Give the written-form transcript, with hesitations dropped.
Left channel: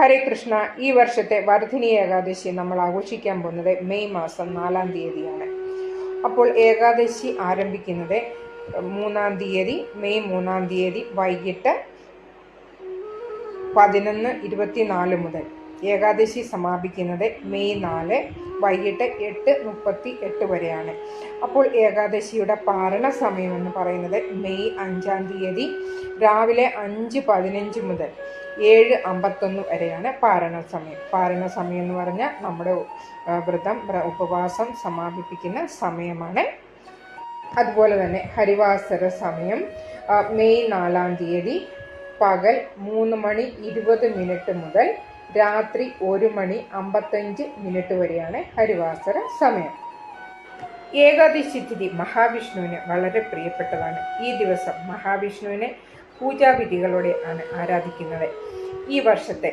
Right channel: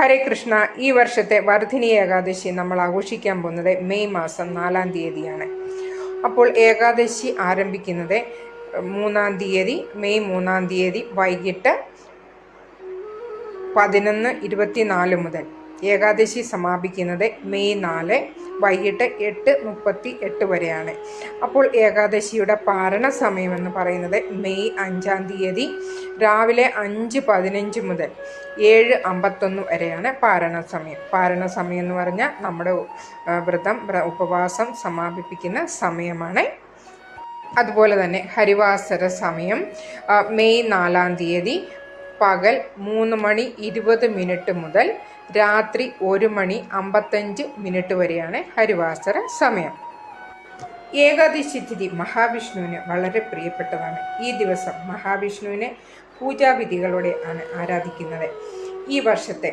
ഹരേ കൃഷ്ണ. ഈ വർഷത്തെ വർദ്ധിനി ഏകാദശി നമ്മൾ ആഘോഷിക്കാൻ പോകുന്നത് മെയ് മാസം 4-ാം തീയതിയാണ്. അപ്പോൾ ഏകാദശി ആരംഭിക്കുന്നത് 3-ാം തീയതി, മെയ് 3-ാം തീയതി വൈകിട്ട് 11:24 മുതൽ. ഏകാദശി സമാപിക്കുന്നത് മെയ് 4 വൈകിട്ട് 8:38 വരെയാണ്. അപ്പോൾ ഏകാദശിയുടെ പാരണ സമയം എന്ന് പറയുന്നത് മെയ് 5-ാം തീയതി രാവിലെ 5:15 മുതൽ 7:51 വരെയാണ് പാരണ സമയം. പാരണ സമയം എന്ന് പറഞ്ഞാൽ നമ്മുടെ ഉപവാസം സമാപിപ്പിക്കുന്ന സമയമാണ്. അതുപോലെ തന്നെ ഹരിവാസര സമയം മെയ് 4-ാം തീയതി പകൽ 3:20 മുതൽ രാത്രി 1:55 വരെയാണ് ഹരിവാസര സമയം. ഏകാദശി തിഥി മഹാവിഷ്ണുവിന് വളരെ പ്രിയപ്പെട്ടതാണ്. ഈ ദിവസം മഹാവിഷ്ണുവിനെ പൂജാവിധികളോടെ ആണ് ആരാധിക്കുന്നത്. ഈ വർഷത്തെ